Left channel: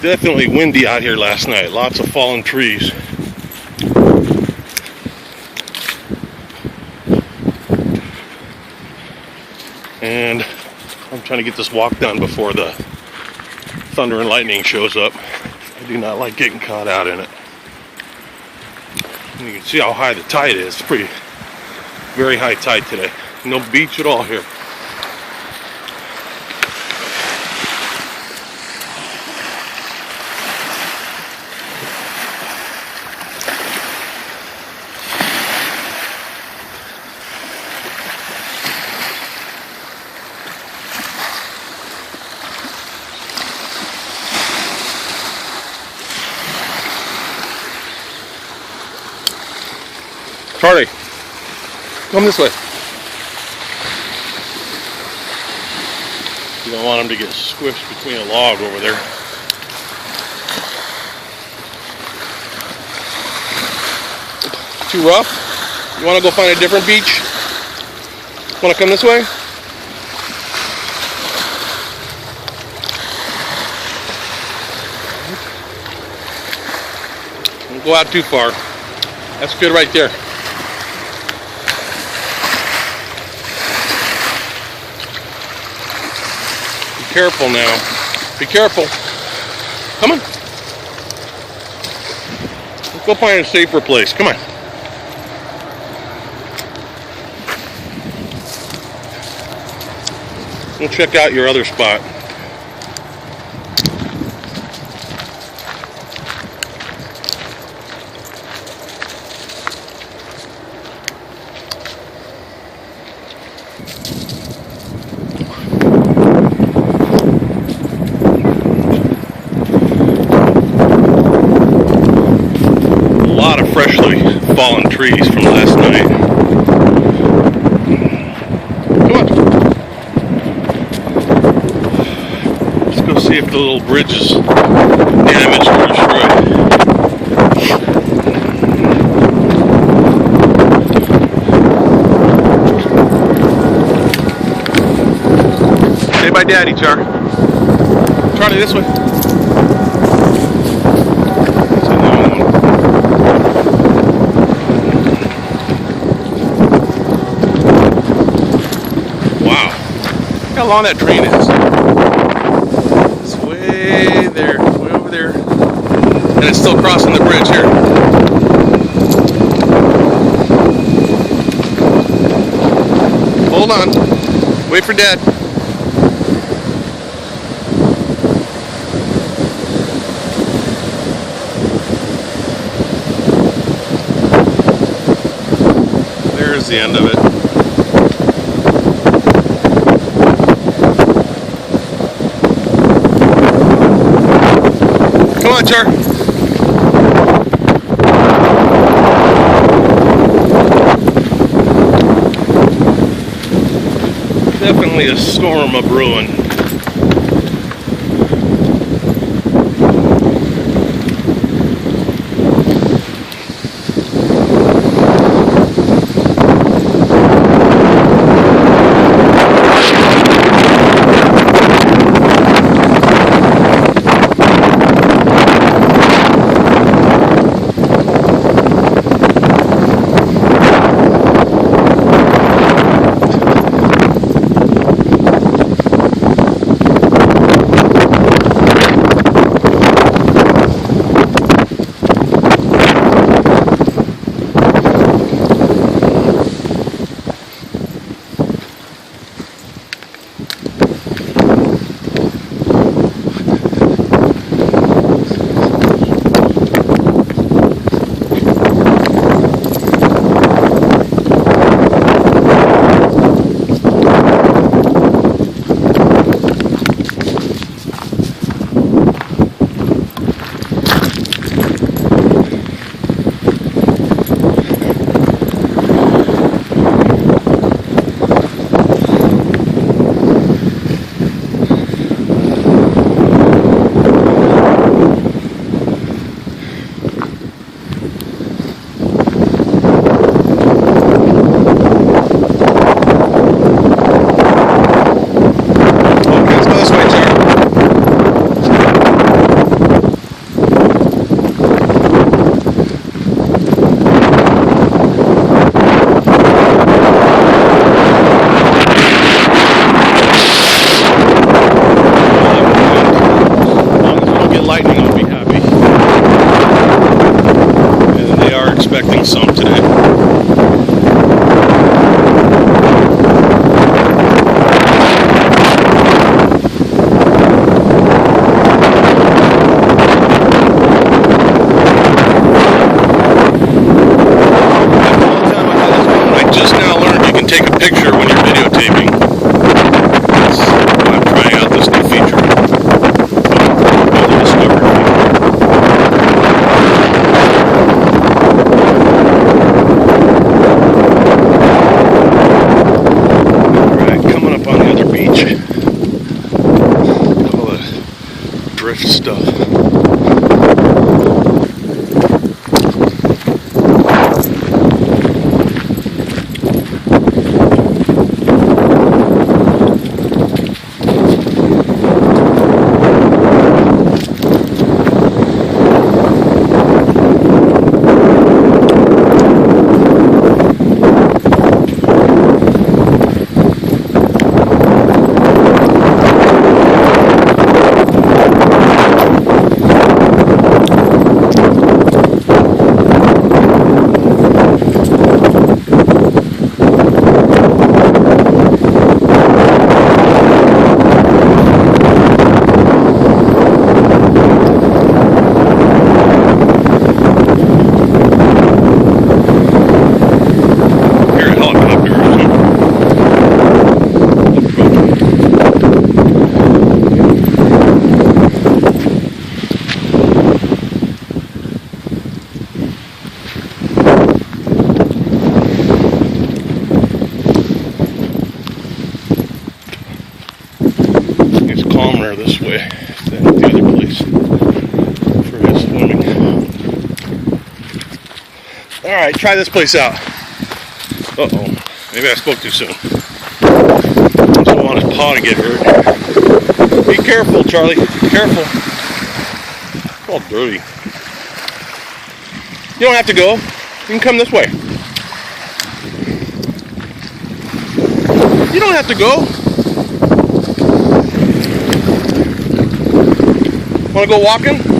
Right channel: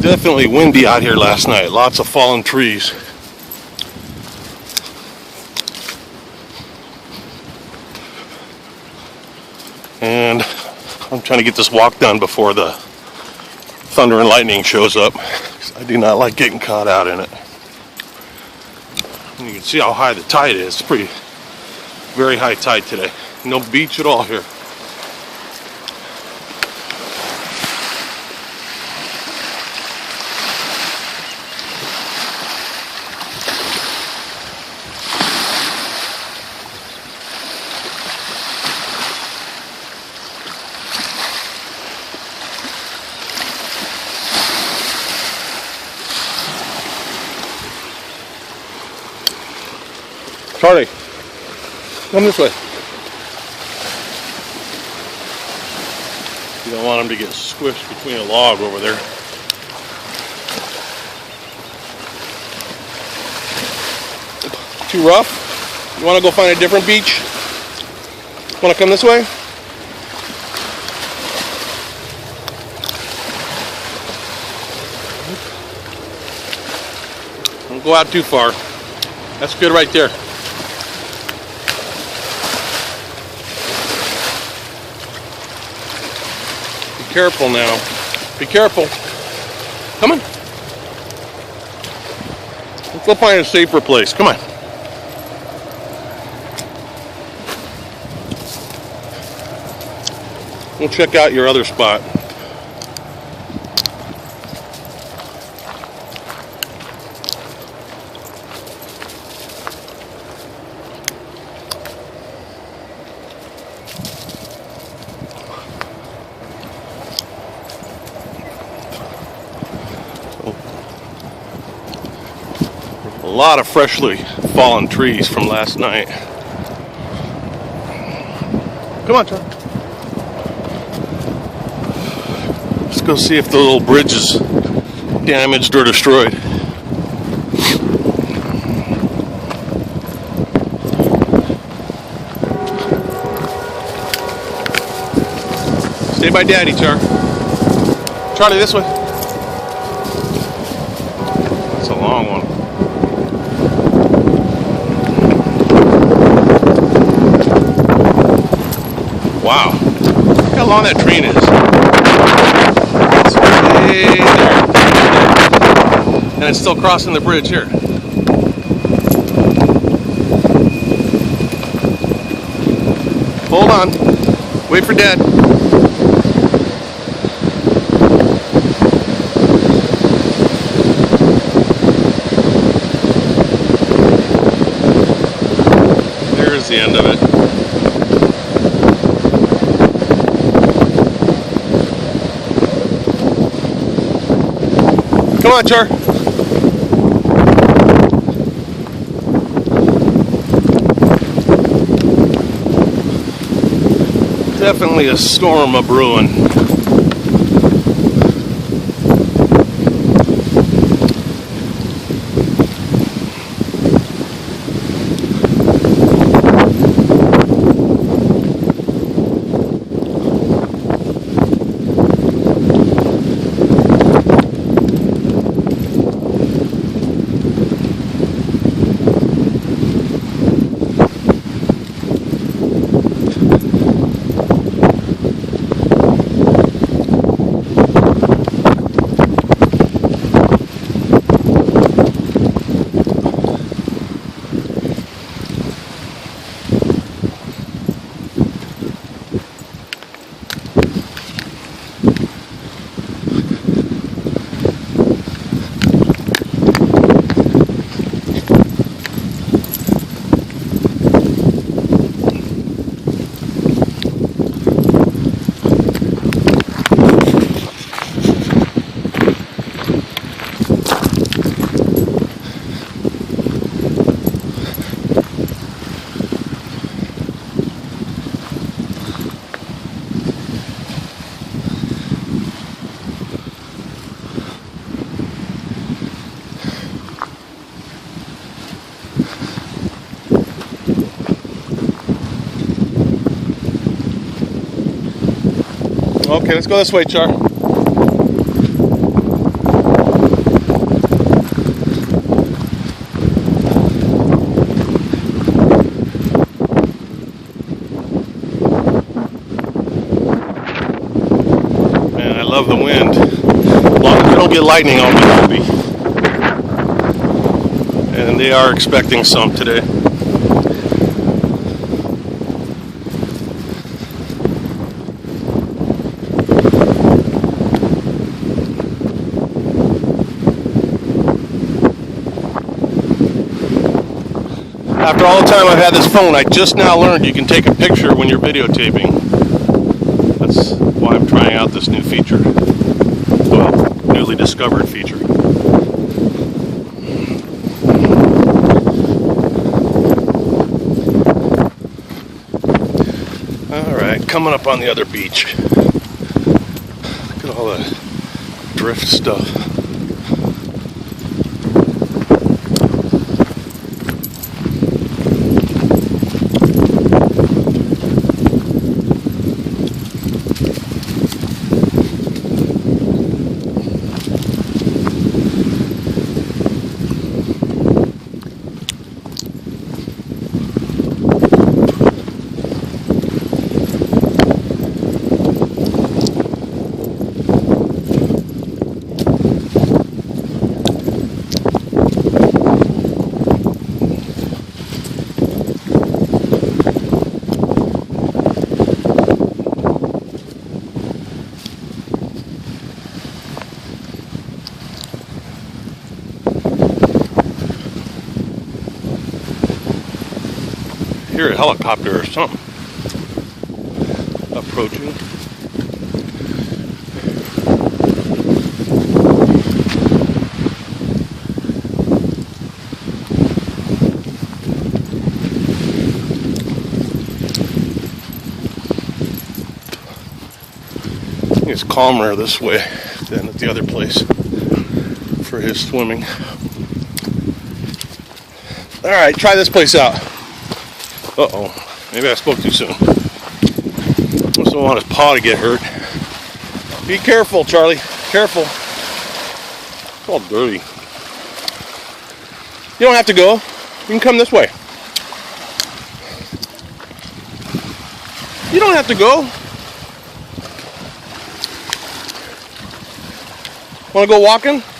Definitely windy out here last night. Lots of fallen trees. And I'm trying to get this walk done before the thunder and lightning shows up. I do not like getting caught out in it. And you can see how high the tide is. It's pretty, very high tide today. No beach at all here. Charlie, come this way. You don't want him to get squished between a log over there. Too rough? You want to go find a different beach? Want to come this way? Don't go out too far. That's good right there. Be careful now. Be careful. Come on. Let's go find a safer place. Come on. We'll check out your other spot. A lot of freshly fallen trees from last night. Come on. Let's go see if the little bridge is damaged or destroyed. Say bye, Daddy, Char. Charlie, this way. It's a long one. Wow. Look how long that train is. It's way there. And it's still crossing the bridge here. Hold on. Wait for Dad. There's the end of it. Come on, Char. Definitely a storm a brewing. get lightning, I'll be happy. And they are expecting some today. After all the time I've had this phone, I just now learned you can take a picture when you're videotaping. That's why I'm trying out this new feature. Up on the other beach. Look at all the drift stuff. Helicopter or something. It's calmer this way than at the other place for his swimming. Alright, try this place out. Uh-oh, maybe I spoke too soon. I don't want his paw to get hurt. Be careful, Charlie. Careful. It's all dirty. You don't have to go. You can come this way. You don't have to go. Want to go walking?